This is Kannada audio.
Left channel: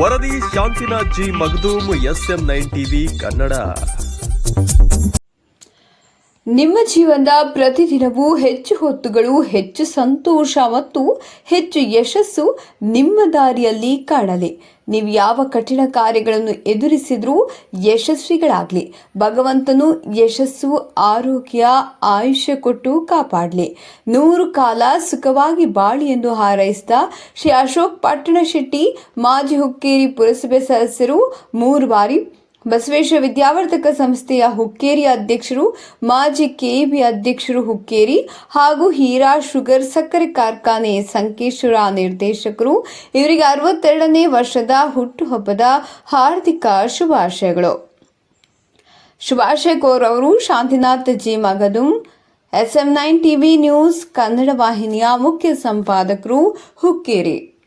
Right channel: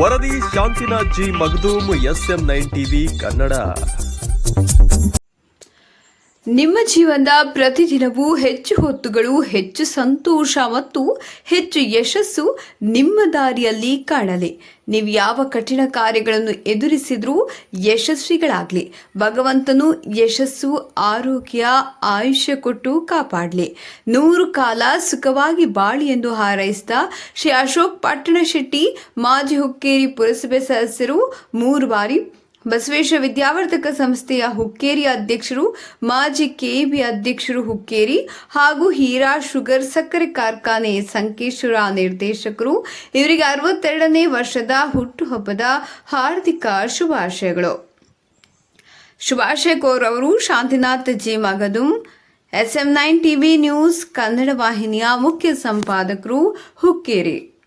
ವರದಿ Shantinath G S M nine TV Kannada ನಿಮ್ಮ ಜೀವನದ ಪ್ರತಿದಿನವೂ ಹೆಚ್ಚು ಹೊತ್ತುಗಳು, ಹೆಚ್ಚು ಸಂತೋಷ ಮತ್ತು ಹೆಚ್ಚು ಯಶಸ್ಸು ನಿಮ್ಮ ದಾರಿಯಲ್ಲಿ ಕಾಣಲಿ. ನೀವು ಯಾವ ಕಠಿಣ ಕಾರ್ಯಗಳನ್ನು ಎದುರಿಸಿದ್ರೂ ಯಶಸ್ವಿಗಳಾಗಲಿ. ಭಗವಂತನು ಯಶಸ್ಸು, ಆರೋಗ್ಯ, ಆಯುಷ್ಯ ಕೊಟ್ಟು ಕಾಪಾಡಲಿ. ನೂರು ಕಾಲ ಸುಖವಾಗಿ ಬಾಳಿ ಎಂದು ಹಾರೈಸಿದ ಶ್ರೀ ಅಶೋಕ್ ಪಟ್ಟಣ ಶೆಟ್ಟಿ ಮಾಜಿ ಹುಕ್ಕೇರಿ ಪುರಸಭೆ ಸದಸ್ಯರು ಮೂರು ಬಾರಿ ಬಸವೇಶ್ವರ ವಿದ್ಯಾವರ್ಧಕ ಸಂಸ್ಥೆಯ ಹುಕ್ಕೇರಿ ಅಧ್ಯಕ್ಷರು, ಮಾಜಿ ಕೆಇಬಿ ಅಧ್ಯಕ್ಷರು ಹುಕ್ಕೇರಿ ಹಾಗೂ ಹೀರಾ ಶುಗರ್ ಸಕ್ಕರೆ ಕಾರ್ಖಾನೆ ಸಂಕೇಶ್ವರ ನಿರ್ದೇಶಕರು. ಇವರಿಗೆ ಅರವತ್ತೆರಡನೇ ವರ್ಷದ ಹುಟ್ಟುಹಬ್ಬದ ಹಾರ್ದಿಕ ಶುಭಾಶಯಗಳು. ಶುಭಾಶಯ ಕೋರವರು Shantinath, G. Magadum, SM nine TV news Kannada ವಾಹಿನಿಯ ಮುಖ್ಯ ಸಂಪಾದಕರು ಹುಕ್ಕೇರಿ.